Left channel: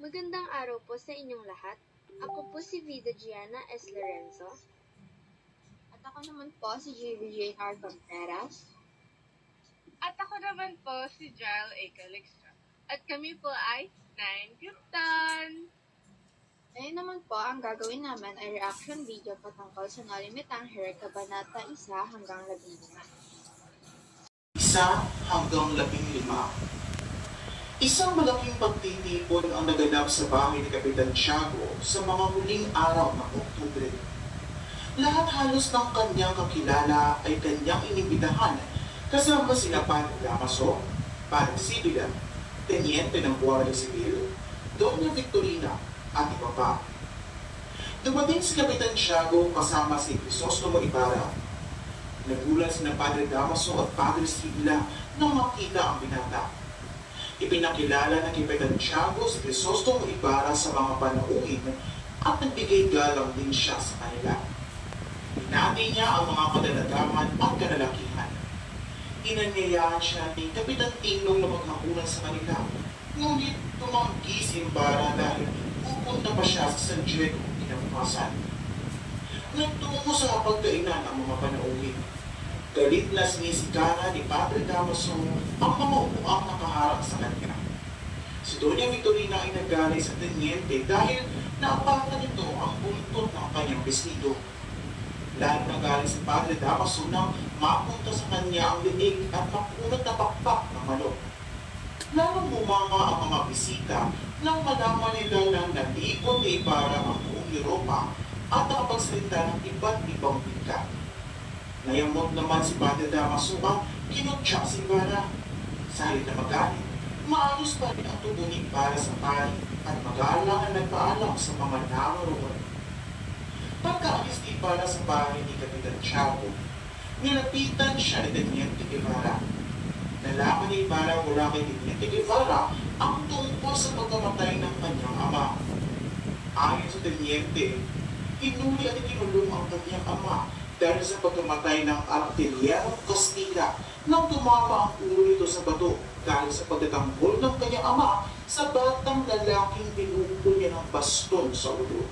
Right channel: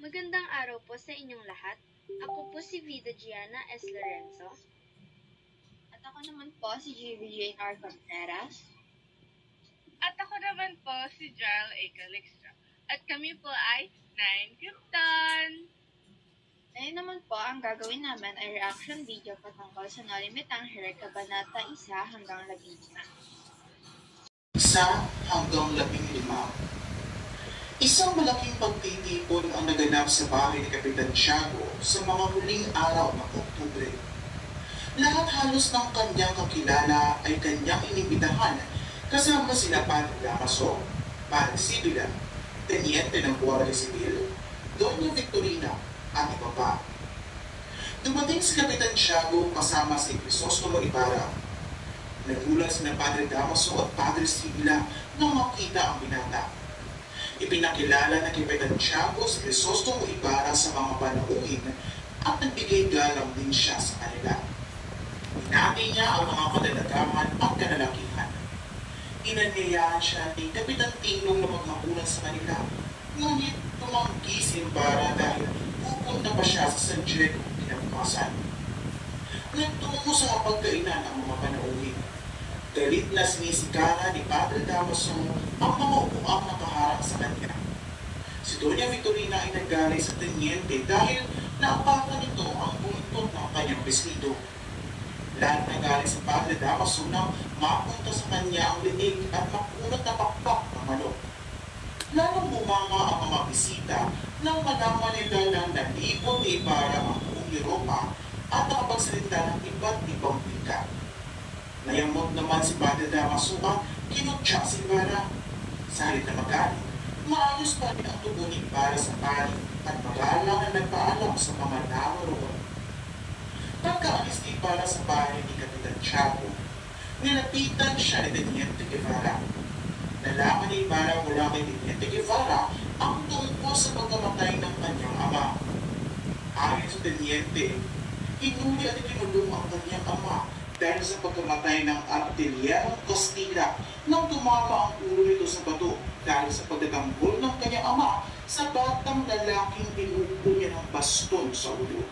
Magandang araw po sa inyong lahat. Ako po si Vida Gianna S. Lorenzo. At ako naman po si JVJR Contreras. At ako naman po si Jael A. Calixtra. At kami po ay 9 Krypton! Ngayon naman po, ang gagawin namin ay reaction video patungkol sa Nolimitang Here Kabanata 1 hanggang 15. 1 hanggang 15. Isang malaking pagtitipon ang naganap sa bahay ni Kapitan Tiago sa mga huling araw ng Oktubre. Lahat halos ng kanyang kakilala ay kanyang inimbitahan kasama sina Padre Damaso, Padre Sibila, Teniente ng Guardia Civil, Doña Victorina at iba pa. Dumating si Kapitan Tiago kasama si Crisostomo Ibarra. Nagulat sina Padre Damaso at Padre Sibila nang makita ang binata. Ipinakilala ng Kapitan Tiago si Crisostomo Ibarra sa mga panauhin at nagbigay galang din siya sa kanila. Binati niya ang mga kadalagahan at kalalakihan. Inanyayahan siya ni Kapitan Tinong na maghapunan sa kanila, ngunit tumanggi si Ibarra dahil pupunta pa siya sa San Diego kinabukasan. Nagtungo sa pagkainan ang mga panauhin. Galit na sinisikara ni Padre Damaso ang mga upuang nakaharap sa kanya. Si Doña Victorina ay nagaling sa teniente dahil naapakan nito ang buntot ng kanyang vestido. Lahat nagaling si Padre Damaso nang mapunta sa kanya ang linig at makunat na pakpak ng manok. Lalong bumanga ang mga bisita nang malaman nila na nalipon ni Ibarra ang buong Europa at nakapagsalita ng iba't ibang wika. Nayamot naman si Padre Damaso at kinutya si Ibarra. Sa halip na magalit, maayos pa rin ang tubo ni Ibarra sa pari at mag-aalangan nagpaalam sa mga naroon. Pagkaalis ni Ibarra sa bahay ni Kapitan Tiago, nilapitan siya ni Teniente Guevara. Nalaman ni Ibarra mula kay Teniente Guevara ang tungkol sa pagkamatay ng kanyang ama. Ayon sa Teniente, hinuli at kinulong ang kanyang ama dahil sa pagkamatay ng Artillero Castilla nang tumama ang ulo nito sa bato dahil sa pagtatanggol ng kanyang ama sa batang lalaking pinupul niya ng baston sa ulo.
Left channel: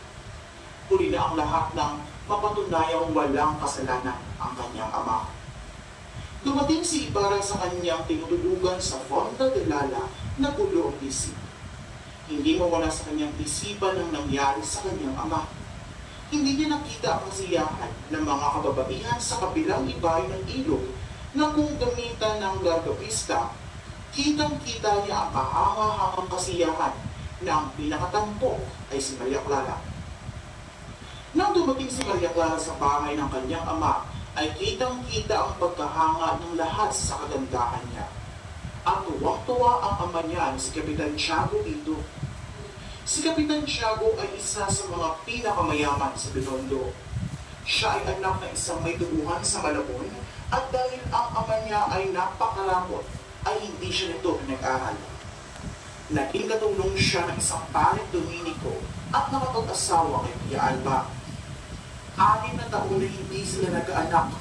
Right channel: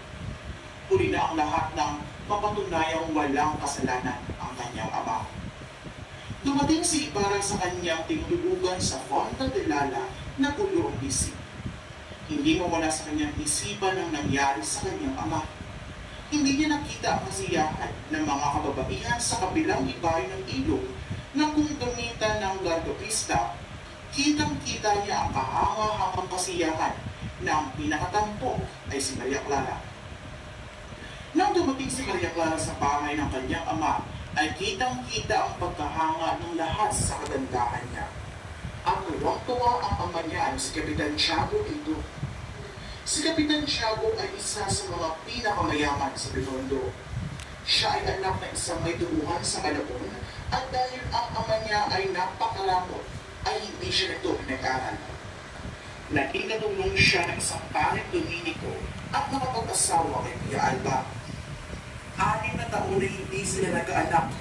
Huli na ang lahat ng mapatunayang walang kasalanan ang kanyang ama. Dumating si Ibarra sa kanyang tinutulugan sa Fonda de Lala na gulo ang isip. Hindi mawala sa kanyang isipan ang nangyari sa kanyang ama. Hindi niya nakita ang kasiyahan ng mga kababaihan sa kabilang ibayo ng ilog na kung gamitan ng gargapista, kitang-kita niya ang kahanga-hangang kasiyahan na ang pinakatampok ay si Maria Clara. Nang dumating si Maria Clara sa bahay ng kanyang ama, ay kitang-kita ang pagkahanga ng lahat sa kagandahan niya. At tuwang-tuwa ang ama niya si Kapitan Tiago dito. Si Kapitan Tiago ay isa sa mga pinakamayaman sa Binondo. Siya ay anak ng isang may duguhan sa Malabon at dahil ang ama niya ay napakaramot, ay hindi siya nito pinag-aral. Naging katulong siya ng isang paring Dominico at nakapag-asawa kay Pia Alba. 6 na taon na hindi sila nag-anak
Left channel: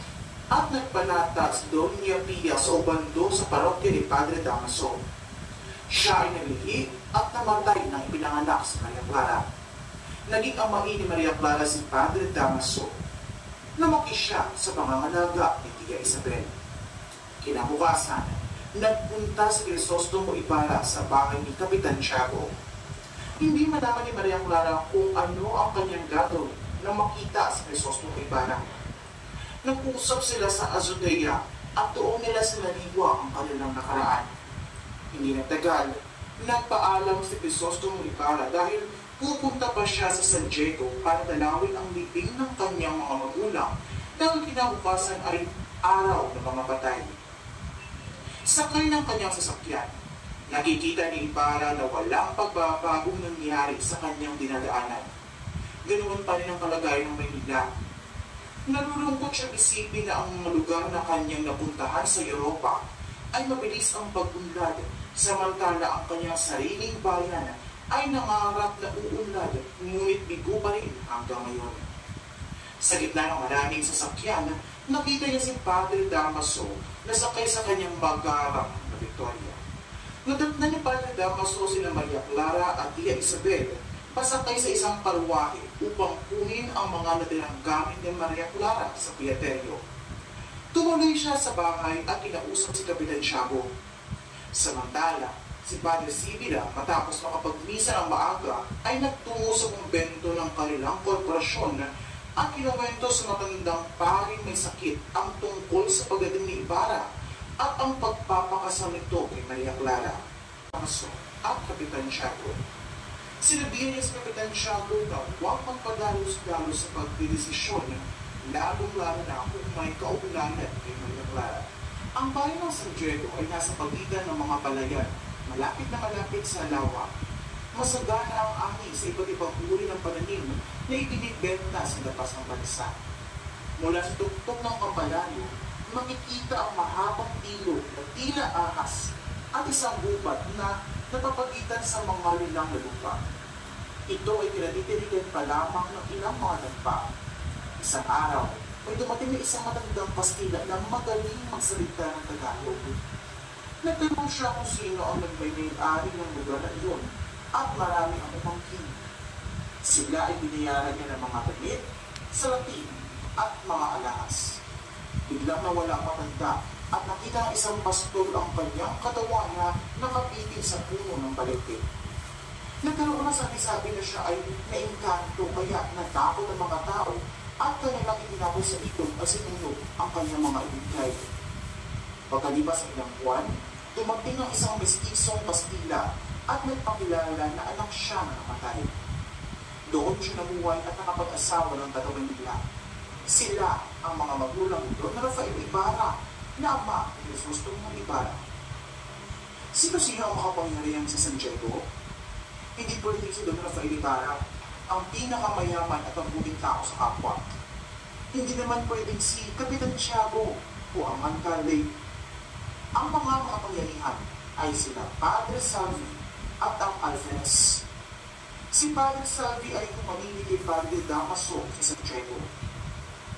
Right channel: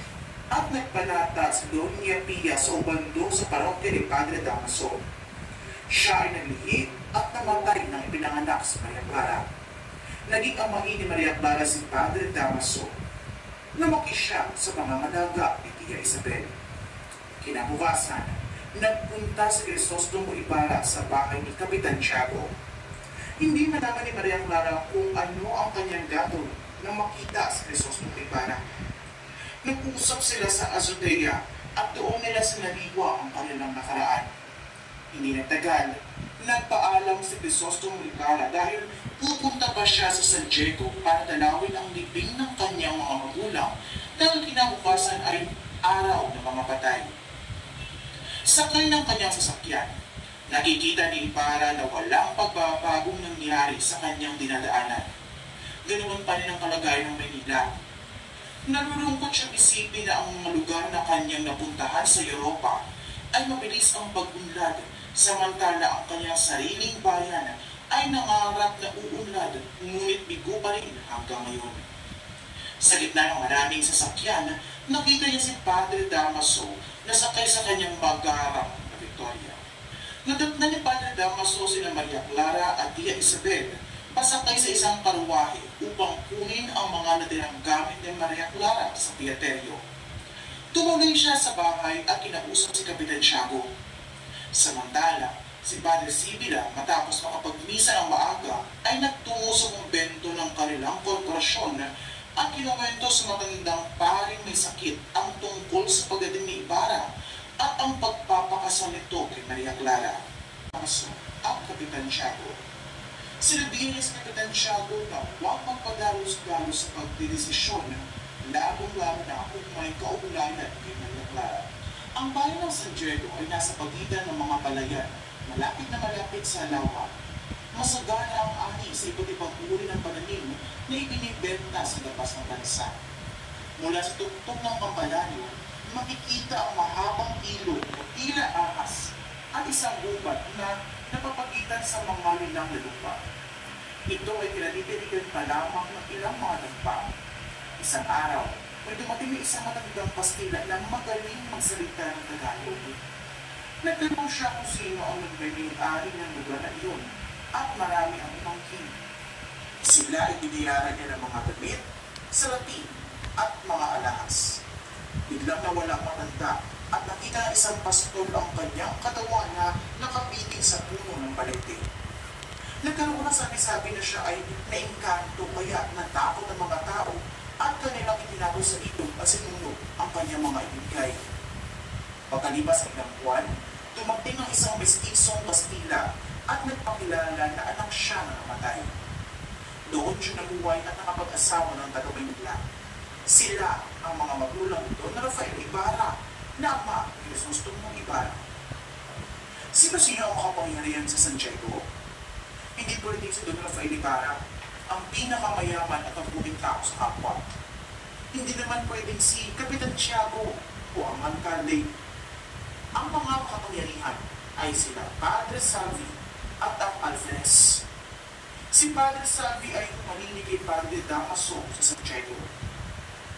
at nagpanata si Doña Pia sa ubando sa parokya ni Padre Damaso. Siya ay naglihit at namatay nang ipinanganak si Maria Clara. Naging amahin ni Maria Clara si Padre Damaso. Lumaki siya sa pangangalaga ni Tia Isabel. Kinabukasan, nagpunta si Crisostomo Ibarra sa bahay ni Kapitan Tiago. Hindi malaman ni Maria Clara kung ano ang kanyang gagawin nang makita si Crisostomo Ibarra. Nag-usap sila sa azotea at doon nila sinaliwa ang kanilang nakaraan. Hindi nagtagal, nagpaalam si Crisostomo Ibarra dahil pupunta pa siya sa San Diego para dalawin ang libing ng kanyang mga magulang dahil kinabukasan ay araw ng mga patay. Sakay ng kanyang sasakyan, nakikita ni Ibarra na walang pagbabagong nangyari sa kanyang dinadaanan. Ganoon pa rin ang kalagayan ng Maynila. Nalulungkot siyang isipin na ang mga lugar na kanyang napuntahan sa Europa ay mabilis ang pag-unlad, samantala ang kanyang sariling bayan ay nangarap na uunlad, ngunit bigo pa rin hanggang ngayon. Sa gitna ng maraming sasakyan, nakita niya si Padre Damaso na sakay sa kanyang magarang na Victoria. Nadatnan ni Padre Damaso sina Maria Clara at Tia Isabel pasakay sa isang karwahe upang kunin ang mga natirang gamit ni Maria Clara sa piateryo. Tumuloy siya sa bahay at kinausap si Kapitan Tiago. Samantala, si Padre Sibila matapos makapagmisa ng maaga ay nagtungo sa kumbento ng kanilang korporasyon at kinuwento sa matandang paring may sakit ang tungkol sa pagdating ni Ibarra at ang pagpapakasal nito kay Maria Clara. At Kapitan Tiago. Sinabihan niya sa Kapitan Tiago na huwag magpadalos-dalos sa pagdidesisyon, lalong-lalo na kung may kaugnayan kay Maria Clara. Ang bayan ng San Diego ay nasa pagitan ng mga palayan, malapit na malapit sa lawa. Masagana ang ani sa iba't ibang uri ng pananim na ibinibenta sa labas ng bansa. Mula sa tuktok ng kampalanyo, makikita ang mahabang ilog na tila ahas at isang gubat na napapagitan sa mga lilang na lupa. Ito ay pinatitiligan pa lamang ng ilang mga dampa. Isang araw, may dumating na isang matandang Kastila na magaling magsalita ng Tagalog. Nagtanong siya kung sino ang nagmay-ari ng lugar na iyon at marami ang umangkin. Sila ay binayaran niya ng mga damit, salatin at mga alahas. Biglang nawala ang matanda at nakita ng isang pastol ang kanyang katawan na nakapitig sa puno ng balete. Nagkaroon ng sabi-sabi na siya ay naingkanto kaya natakot ang mga tao at kanilang itinapos sa ilog at sinulog ang kanyang mga ibigay. Pagkalipas ng ilang buwan, dumating ang isang mestisong Kastila at nagpakilala na anak siya na namatay. Doon siya namuhay at nakapag-asawa ng dalawang nila. Sila ang mga magulang nito na Rafael Ibarra na ama ni Jesus Tumong Ibarra. Sino-sino ang makapangyarihan sa San Diego? Hindi pwedeng si Don Rafael Ibarra ang pinakamayaman at ang buting tao sa kapwa. Hindi naman pwedeng si Kapitan Tiago o ang alkalde. Ang mga makapangyarihan ay sila Padre Salvi at ang Alferez. Si Padre Salvi ay humarili kay Padre Damaso sa San Diego.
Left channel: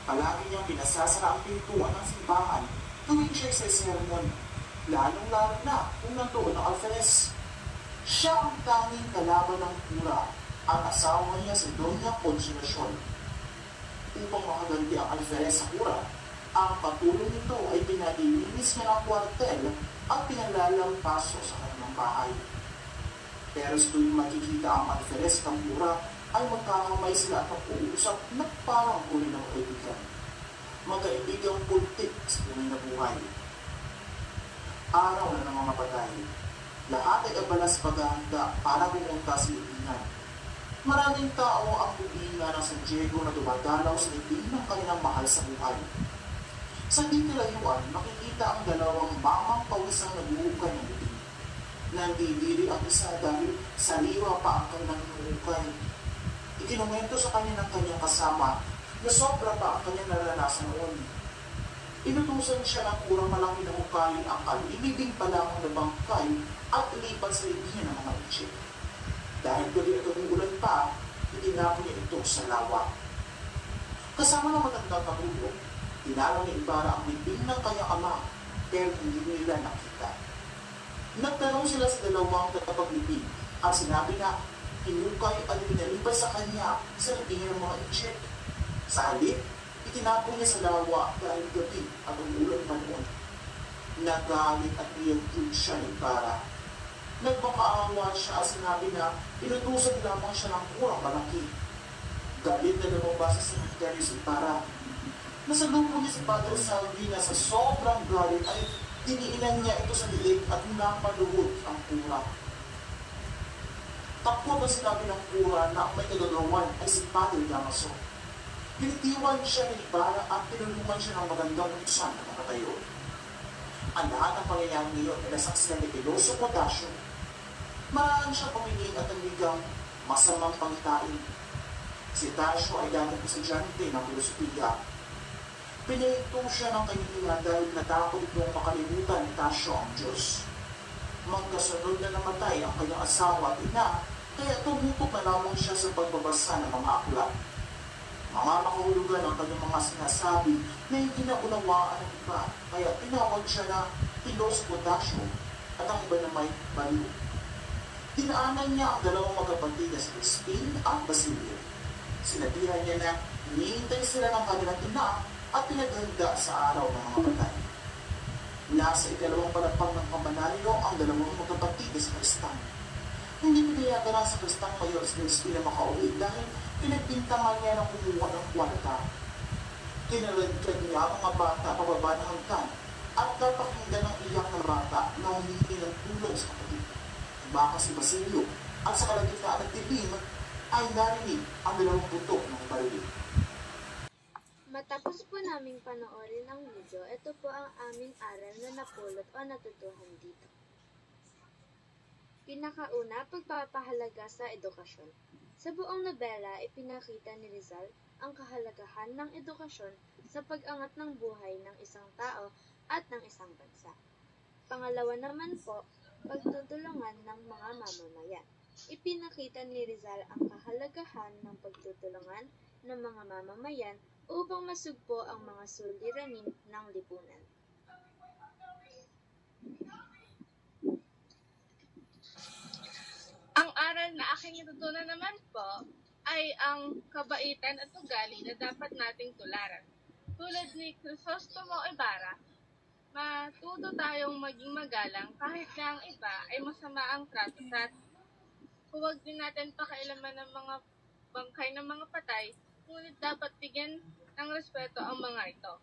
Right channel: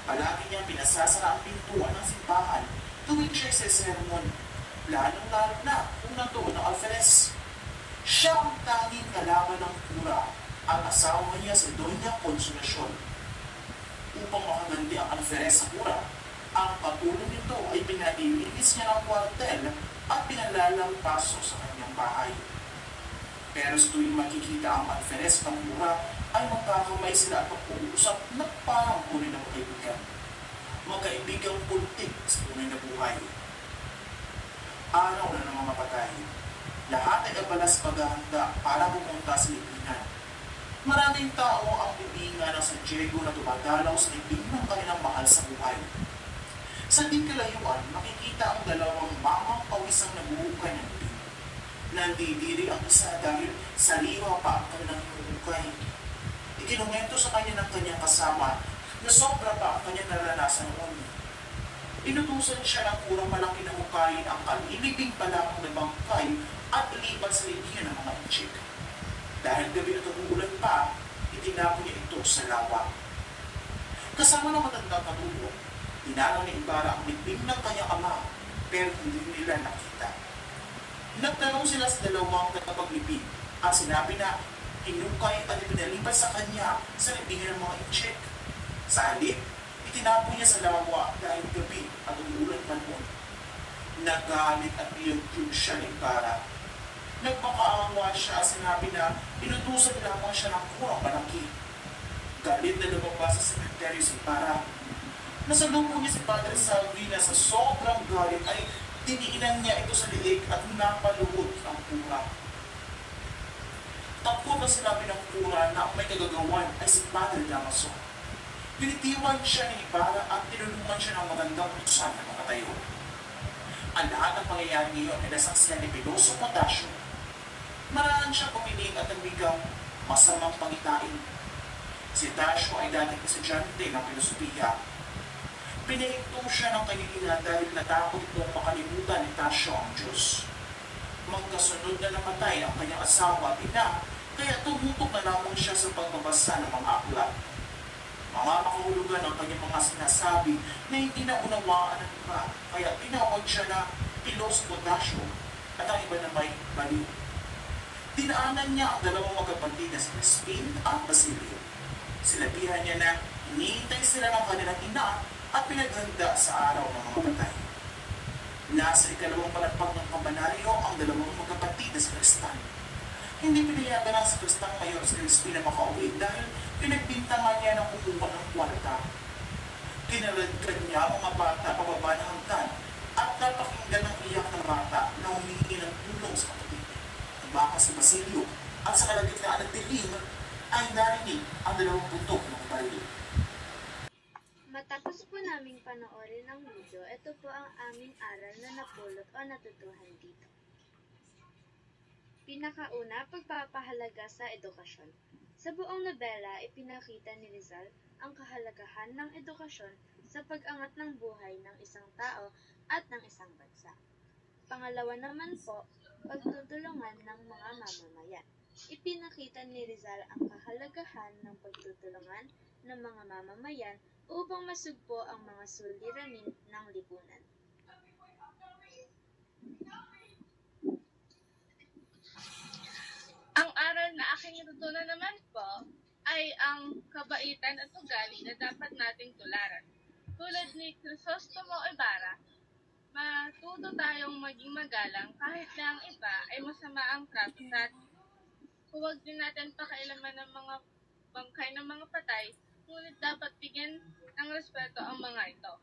Palagi niyang pinasasara ang pintuan ng simbahan tuwing siya sa sermon, lalong-lalo na kung nandoon ang Alferez. Siya ang tanging kalaban ng kura, ang asawa niya sa Doña Consolacion. Upang makaganti ang Alferez sa kura, ang patulong nito ay pinalilinis niya ng kwartel at pinalalampaso sa kanyang bahay. Pero sa tuwing makikita ang Alferez ng kura, ay magkakamay sila at mag-uusap na parang tunay na magkaibigan. Magkaibigang puntik sa tunay na buhay. Araw na ng mga patay. Lahat ay abalas paghahanda para pumunta sa libingan. Maraming tao ang libingan ng San Diego na dumadalaw sa libing ng kanilang mahal sa buhay. Sa di kalayuan, makikita ang dalawang mamang pawisang nabuhukay ng libing. Nandidiri ang isa dahil sariwa pa ang kanilang hinuhukay. Ikinumento sa kanya ng kanyang kasama na sobra pa ang kanyang naranasan noon. Inutusan siya ng kurang malaki na hukayin ang kalilibing pa lamang na bangkay at ilipat sa libingan ng mga inchik. Dahil gabi at umuulan pa, itinapon niya ito sa lawa. Kasama ng matandang katulong, dinalaw ni Ibarra ang libing ng kanyang ama, pero hindi nila nakita. Nagtanong sila sa dalawang katapaglibing at sinabi na hinukay at pinalipat sa kanya sa libingan ng mga inchik. Sa halip, itinapon niya sa lawa dahil gabi at umuulan pa noon. Nagalit at nilagtug siya ni Ibarra. Nagmakaawa siya at sinabi na inutusan lamang siya ng kurang malaki. Galit na lumabas sa cemetery si Ibarra. Nasalubong niya si Padre Salvi na sa sobrang galit ay diniinan niya ito sa liig at napaluhod ang kura. Takot na sinabi ng kura na ang may kagagawan ay si Padre Damaso. Pinitiwan siya ni Ibarra at tinulungan siya ng magandang utusan na makatayo. Ang lahat ng pangyayari ngayon ay nasaksihan ni Piloso Potasio. Maraan siya pumili at namigang masamang pangitain. Si Tasio ay dating estudyante ng filosofiya. Pinahito siya ng kanyang ina dahil natakot itong makalimutan ni Tasio ang Diyos. Magkasunod na namatay ang kanyang asawa at ina, kaya tumutok na lamang siya sa pagbabasa ng mga aklat. Mga makahulugan ang kanyang mga sinasabi na hindi na unawaan ng iba, kaya tinawag siya na Piloso Potasio. at ang iba na may baliw. Dinaanan niya ang dalawang magkapatid na si Crispin at Basilio. Sinabihan niya na hinihintay sila ng kanilang ina at pinaghanda sa araw ng mga patay. Nasa ikalawang palagpag ng kampanaryo ang dalawang magkapatid na si Cristan. Hindi pinayagan ng si Cristang Mayor si Crispin na makauwi dahil pinagbintangan niya ng kumuha ng kwarta. Kinaladkad niya ang mga bata pababa ng hagdan at napakinggan ng iyak ng bata na humingi ng tulong sa kapatid. Tumakas si Basilio at sa kalagitnaan ng dilim ay narinig ang dalawang putok ng baril. Matapos po naming panoorin ang video, ito po ang aming aral na napulot o natutuhan dito. Pinakauna, pagpapahalaga sa edukasyon. Sa buong nobela, ipinakita ni Rizal ang kahalagahan ng edukasyon sa pag-angat ng buhay ng isang tao at ng isang bansa. Pangalawa naman po, pagtutulungan ng mga mamamayan. Ipinakita ni Rizal ang kahalagahan ng pagtutulungan ng mga mamamayan upang masugpo ang mga suliranin ng lipunan. Ang aral na aking natutunan naman po ay ang kabaitan at ugali na dapat nating tularan. Tulad ni Crisostomo Ibarra, matuto tayong maging magalang kahit na ang iba ay masama ang trato sa atin. Huwag din natin pakailaman ng mga bangkay ng mga patay, ngunit dapat bigyan ng respeto ang mga ito.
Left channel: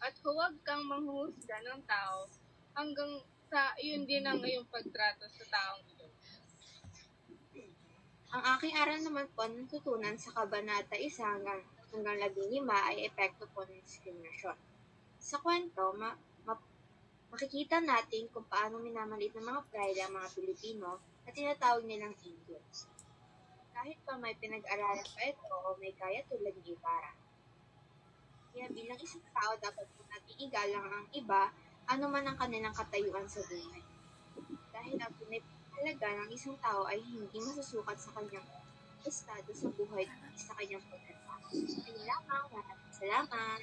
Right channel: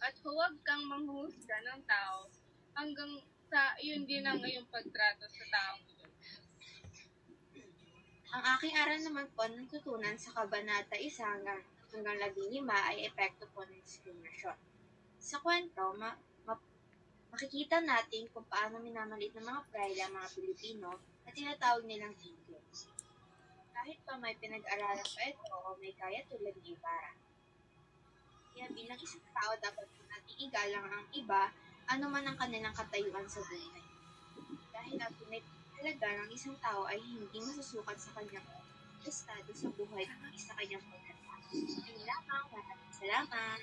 At huwag kang manghuhusga ng tao hanggang sa iyon din ang iyong pagtrato sa taong ito. Ang aking aral naman po natutunan sa Kabanata 1 hanggang 15 ay epekto po ng diskriminasyon. Sa kwento, makikita natin kung paano minamaliit ng mga pride ang mga Pilipino na tinatawag nilang Indians. Kahit pa may pinag-aralan pa ito o may kaya tulad ni Ibarra. Kaya bilang isang tao, dapat po natin igalang ang iba, ano man ang kanilang katayuan sa buhay. Dahil ang pinahalaga ng isang tao ay hindi masusukat sa kanyang estado sa buhay at sa kanyang pagkatao. Ayun lamang, maraming salamat.